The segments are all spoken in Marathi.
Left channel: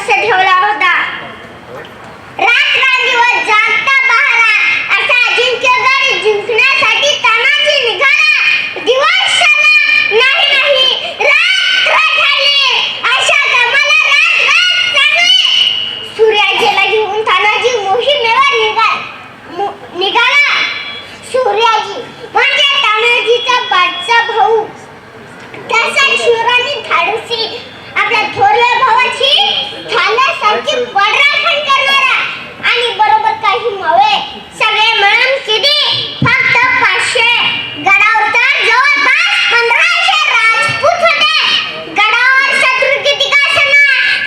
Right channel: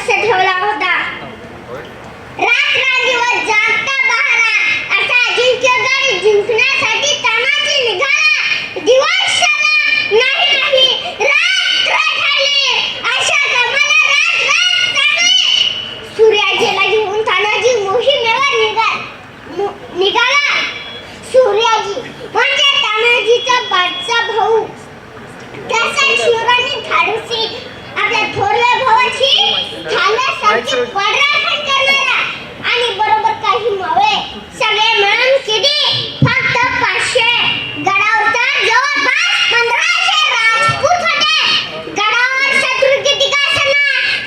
बंदोबस्त ठेवला होता. रात्रंदिवस जागता बहारा असा अजिंक्यगड जिंकण्यासाठी तानाजी निघाला. दिवस नाही रात्र ठरली. अशा कामाला रात चालली. सूर्याजीला घेऊन तानाजी मोहिमेवर निघाला. सूर्याजी म्हणजे तानाजीचा बादचा भाऊ. तसा शिवराणी धाडसी आपल्या थोरल्या भावाची थाल्यासारखी पडराखण करणारा आणि बरोबर काही नव्हे सगळे मिळून किती फक्त 500 गडावर तर जवळपास 1500 राजपूत होते. गडावर शत्रू किती का असना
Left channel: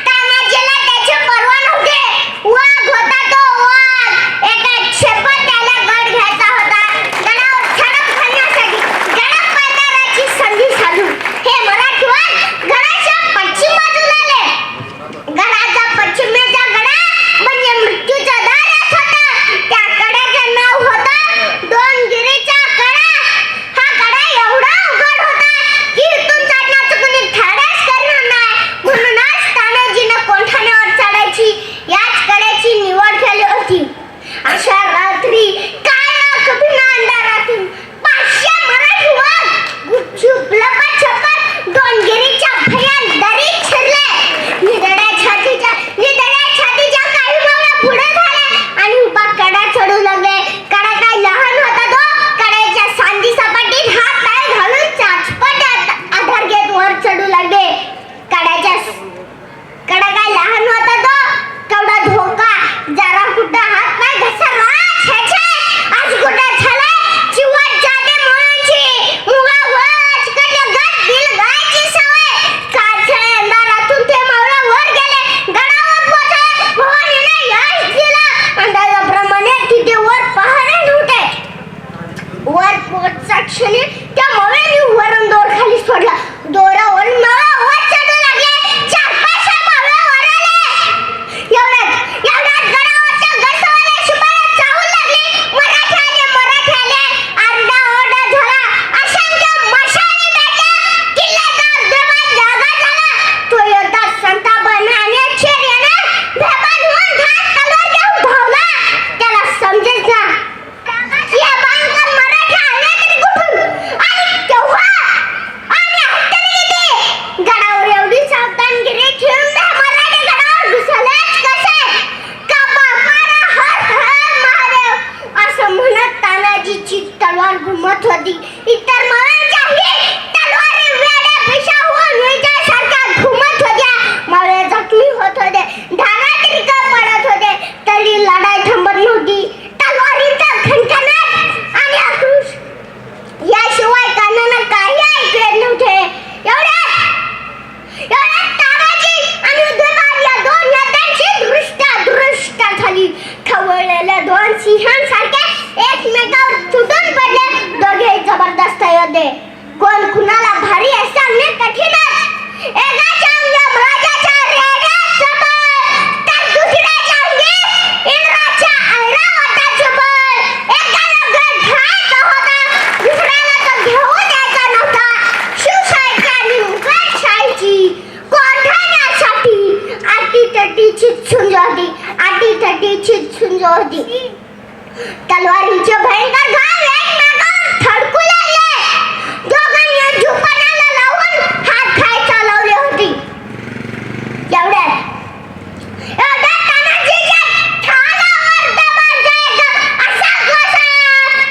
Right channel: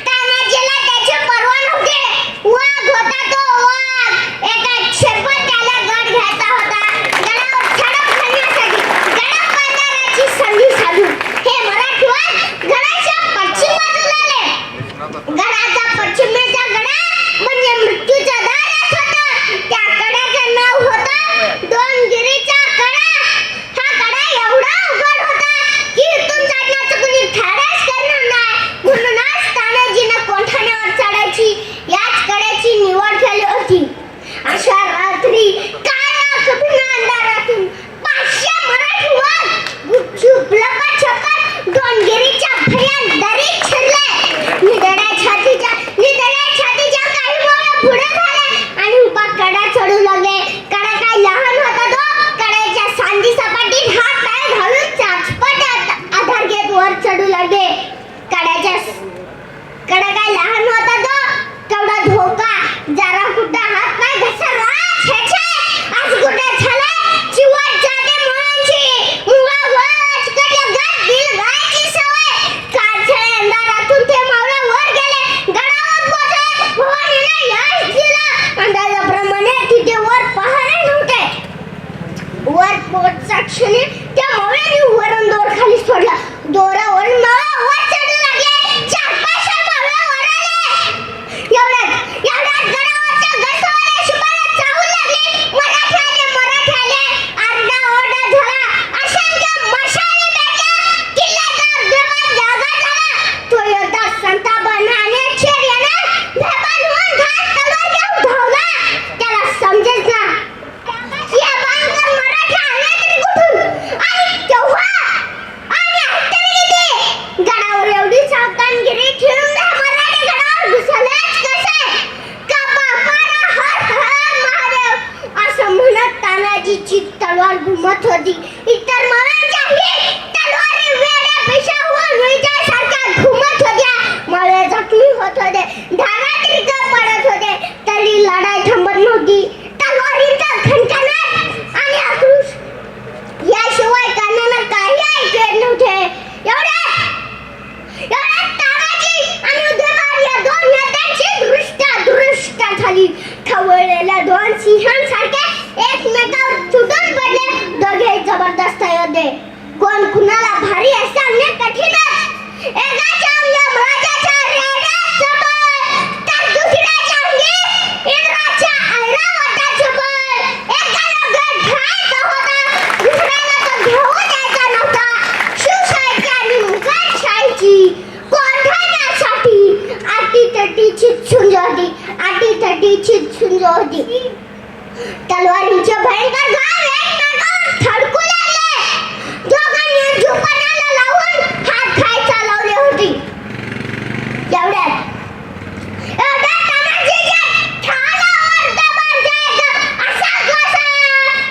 तानाजीला त्याची पर्वा नव्हती. वाघ होता तो वाघ. एका क्षेपात त्याला गड घ्यायचा होता. गडावर झडप घालण्यासाठी गडप बाजाराची संधी साधून हे मराठवाड गडाच्या पश्चिम बाजूला आले. गडाचा पश्चिमेचा कडा म्हणजे मृत्यूचा दारच होता. त्या कड्याचं नाव होतं डोंगगिरीचा कडा. हा कडा एवढा उघड होता की इथून चढण्याचं कुणी धाडस करणार नाही. म्हणूनच तानाजीनं कोठाण्यावर चढायची याच कड्याची निवड केली होती. अशा रात्री काळ्या कठीण अंधारातून 500 मराठी वाघ गुपचूप लपाछपट डोंगगिरीच्या भयान दरीत शिरले. निधड्या छातीच्या काही मावळ्या पुढे झाले आणि उभा कडा चढू लागले. कडा काय लहान होता तो. कड्याच्या सांदी सपाटीत हात पाय घालून चाचपट आधार घेत वर चढू लागले. कडा काय लहान होता तो. केवढा धोका. जरा कुठं हात पाय घसरला आज कुठं झालं चिवट जाते मुळांची. मुळावरच कडे गट दिल गायची सवय. काळसळ्या अंधारातून ते मावळा वर गेले. गडावर पोहोचले. भवानीने यश दिलं. अंदाजाप्रमाणे तिथे वर पहारे नव्हते. वर पोहोचच्या क्षणी त्या मावळ्याने वरून दोर खाली सोडला. दोरावरून मावळा वर चढू लागले. 4-5 मावळा वर आले. एवढ्यात गडावरच्या गडवाले शिपाई चावू लागले. मराठे आले. आरडाओरडा झाला. असंख्य मशाली पेटल्या. किल्ल्याचा बेभान जागा झाला. तो योद्धा संतापानं आणि आश्चर्यानं बेभान होऊन घाट तलवार घेऊन धावला. त्याला समजेच ना या भयंकर मराठे आले तरी कुठून आणि केव्हा आणि हत्यारे किती. गडावर एवढी सावधानगिरी ठेवून ते मराठे गडावर घुसलेच कसे. कापा मारा हर हर महादेव असं म्हणत तानाजीची तलवार घुमत होती. इतर मावळ्यांच्याही तलवारी वेड्या पिशाहून विजासारख्या घुमत होत्या. मावळे जखमी होत होते. धारातीत पडत होते. तरी लढाई थांबत नव्हती. तलवारीचा खणखणाट आणि आक्रोश याशिवाय कानांना काही ऐकू येत नव्हते. एवढ्यात तानाजी आणि उदयभान या दोन नेत्यांची दृष्टा झाली. खवळलेल्या दोन सिंहांसारखे एकमेकावर तुटून पडले. दोघे जबरदस्त योद्धे. कोण कुणाला भारी आहे सांगणे कठीणच. एकाच्या अंगी यमराजाच्या रेड्यात सबळ तर दुसऱ्याच्या अंगी इंद्राच्या ऐरावताचे बळ. एकाला गड घ्यायचा होता. दुसऱ्याला तो घेऊन यायचा नव्हता. शिवशाहीची आणि मुघलशाहीची कोठाण्यासाठी आटीतटीची झुंज होती. तलवारीचे भयंकर घाव एकमेकावर थडकू लागले. दोघांनी झुपणाला लावून हात खायचा लावले होते. एवढ्यात तानाजीच्या ठालावर दबाण जायचा असा घोषा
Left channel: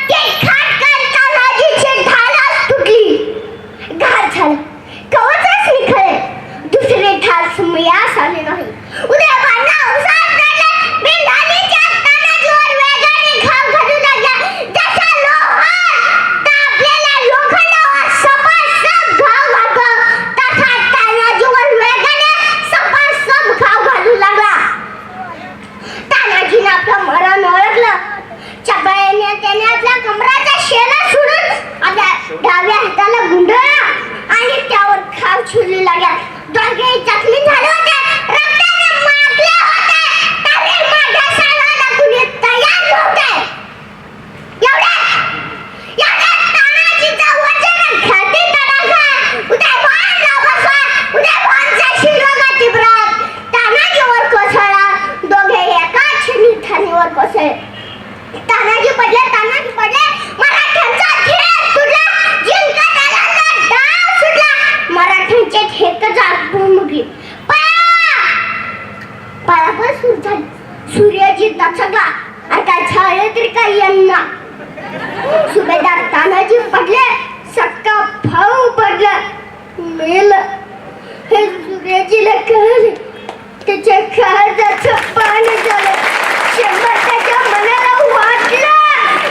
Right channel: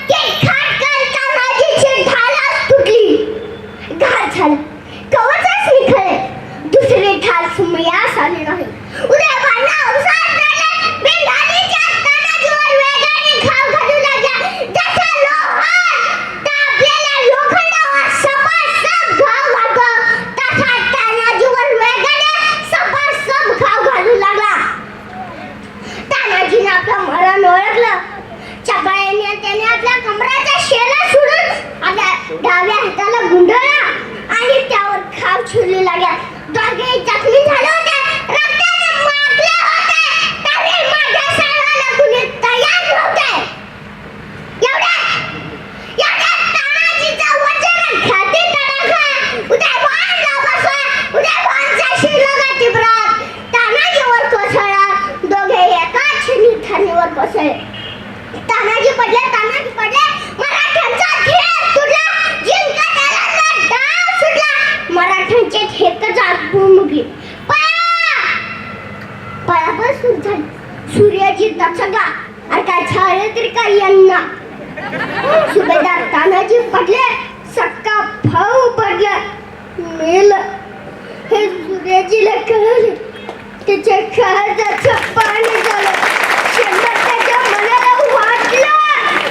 की खाटकन तानाजीची ढालच तुटली. घात झाला. कवचच निखळले. दुसरे ढाल सुमयास आले नाही. उदयभानला अवसाद झाला. बिनधानीच्या तानाजीवर वेगाने घाव घालू लागला. जसा लोहार तापलेल्या लोखंडावर सपासप घाव घालतो तसा तानाजीवर वेगाने सपासप घाव घालू लागला. तानाजीने आपलं मरण ओळखलं. चपळाईने त्याने आपल्या कमराचा शेला सोडून आपल्या डाव्या हाताला गुंडळला आणि त्यावर घाव छिडू लागला. दोघेही जखमी झाले होते. रक्ताने माखले होते. तरी माझ्या सालाला कुणी तयार नव्हते. एवढ्यात तानाजीचा वचन घाती तडाखा. उदयभानला बसवा. उदयभानचा शिरगाती ब्रात तानाजीवर सुरू झाली. सूर्याची दचकला आणि काय झालं तरी काही यांना. सुभेदार तानाजी पडले, सक्का भाऊ पडला, मेलं. हे सूर्याजीला कळले, त्याच्या काळजाचं पाणी झालं. शंभर त्याच्या मनाला वाटलं,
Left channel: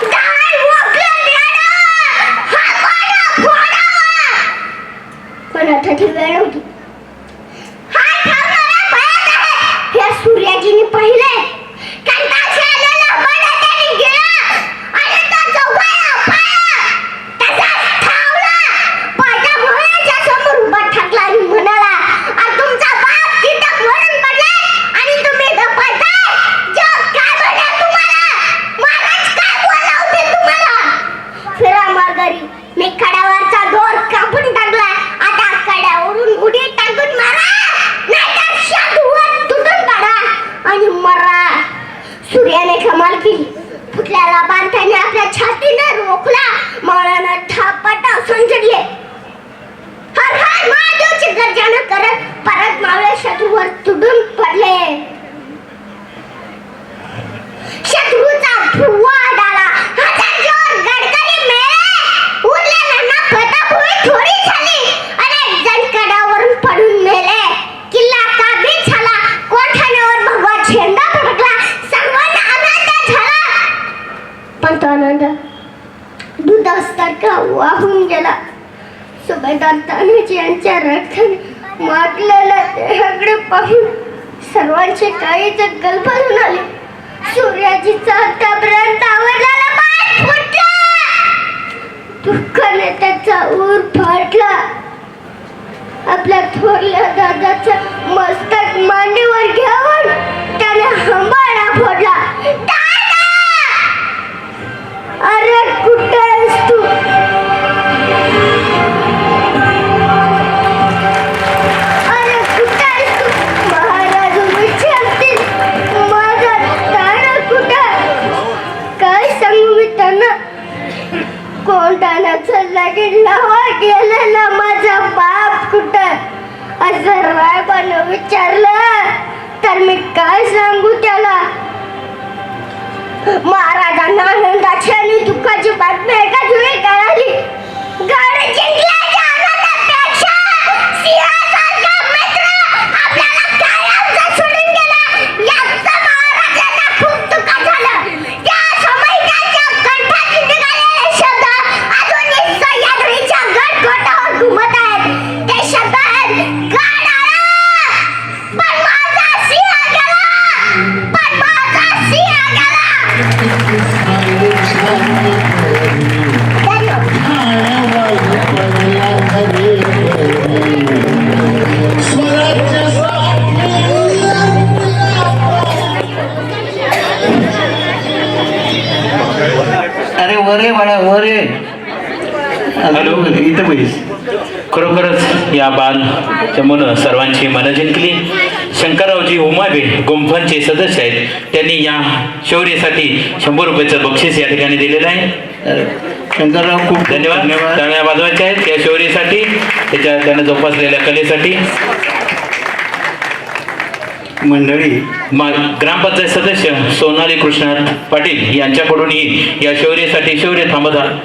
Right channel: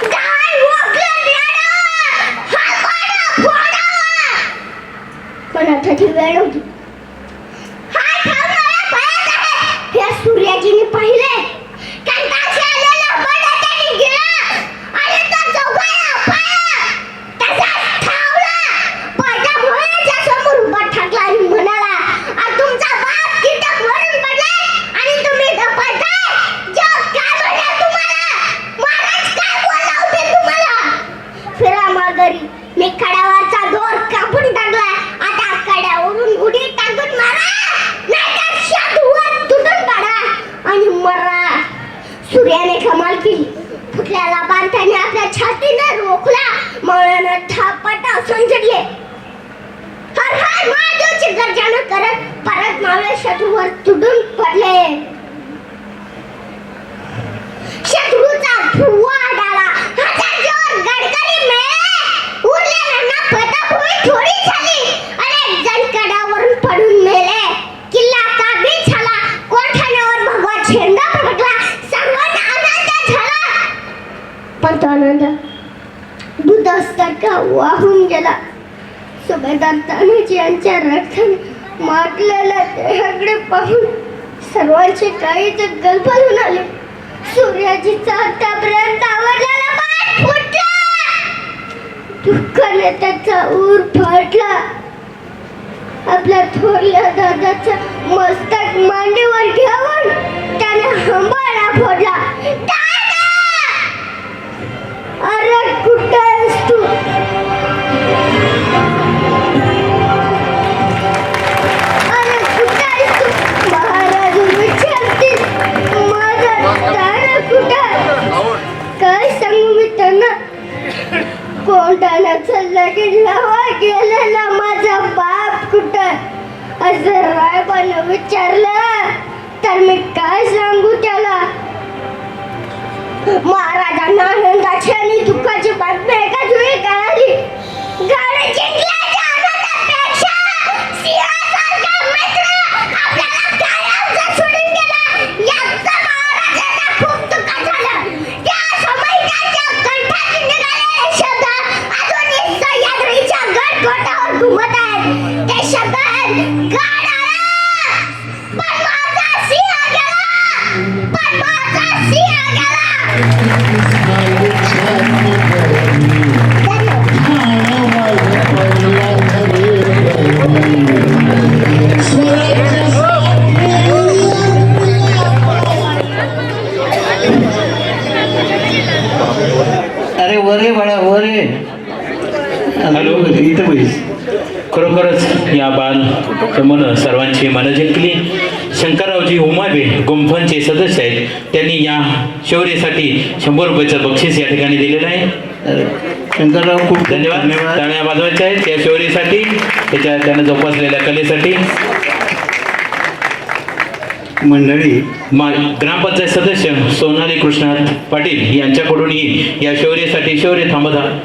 काय वाटलं मॅडम? हा कोणा फोडावा? पण आता ती वेळ होती. हा थांबणारा पळत आहे. या सूर्याजीने पाहिले, कंटाळून आलेला बडा त्याने गेला आणि तो चौघाया पळला. तसाच थांबला. पाटा भोळ्याच्या समोर उभा ठाकला आणि म्हणाला, "अरे तुमचा बाप तिथं मरून पडलाय आणि तुम्ही इथं पळताय? जग काय म्हणेल तुम्हाला? महाराज काय बोलावतील तुम्हाला?" फिरा माघारी. मी कड्यावरचा दोर कापून टाकला. आता कड्यावरून उडी टाकून मारा, नाहीतर शादूवर तुटून पडा आणि मरा. सूर्याने कमाल केली. फुटल्याला बांधताना आपल्या छातीने रोखला. मावळ्यानं थापटा संचडले. हर हर महादेवची गर्जना करत परत मावळे शत्रूवर तुटून पडले. शत्रूचा धुव्वा उडाला. हातात जोर गडगडी मेले. उरलेल्यांना फटाफट थोडी झाली. अनेक जण कड्यावरून पडून मेले. किल्ला काबीज झाला. कोठाण्यावर भगवा झेंडा फडकला. सर्वांना आनंद झाला. पण तो आनंद दुधासारखा वाहून गेला. सुभेदार तानाजी यांच्या रक्ताने माटलेल्या देहाकडे पाहून सर्वांचे काळीचे गलबलून आले. सूर्याजीचा आतापर्यंत आवडलेला बाण फुटला. दुःखाने त्याचा ऊर फाटला. आपल्या थोरल्या दादाचा मस्तक मांडीवर घेऊन त्याने हंबाळा फोडला. "दादा! अरे कुठे आहेस तू? अरे कुठे आहेस तू?" महाराज विचारतील, "माझा दादा कुठे?" काय सांगू मी त्यांना? कोंडाण्याचं लगीन लावा गेलेला माझा बाप कुठं? असं रायबानं विचारलं तर मी काय सांगू त्याला? महाराजांना आनंदाची आणि दुःखाची बातमी एकाच वेळी कळाली. गड जिंकल्याच्या आनंदापेक्षा सिंहासारखा मित्र आपल्याला कायमचा सोडून गेला, याचा महाराजांना खूप दुःख झालं. त्या समय त्यांच्या कंठातून निघालेले शब्द अजूनही सह्याद्रीच्या गडकोटावर घुमत आहेत. ते शब्द आहेत, "गड आला, पण माझा सिंह गेला, पण माझा सिंह गेला." अरे वरे बाळा वरे. हॅलो. इथं बैस. खरोखरच या बाल चमूनं सर्वांची मनं जिंकली. शंकररावजी उमाबे गुंफांचे सदस्य आहेत. त्यांनी या शौर्यासाठी 100 रुपयाचं बक्षीस या ठिकाणी दिलेलं आहे. अरे शंकरराव खूप धन्यवाद. टाळ्या वाजवायच्या आहेत त्या शौर्यासाठी, त्यानं जोपासलेल्या कलेसाठी. मंडळी ग्रामपंचायत सदस्य सोनाली कृष्णात पाटील यांच्याकडूनही या शौर्यासाठी शौर्य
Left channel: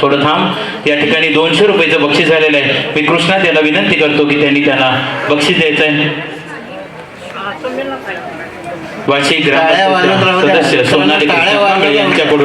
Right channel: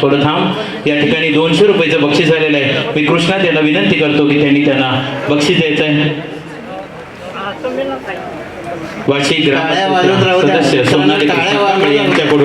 थोडं थांब या ठिकाणी 200 रुपयाचं बक्षीस झालेलं आहे. मी कृष्णात यांना विनंती करतो की त्यांना बक्षीस द्यायचं आहे. वाशी ग्रामपंचायत सदस्य सोनाली कृष्णात पाटील यांच्याकडून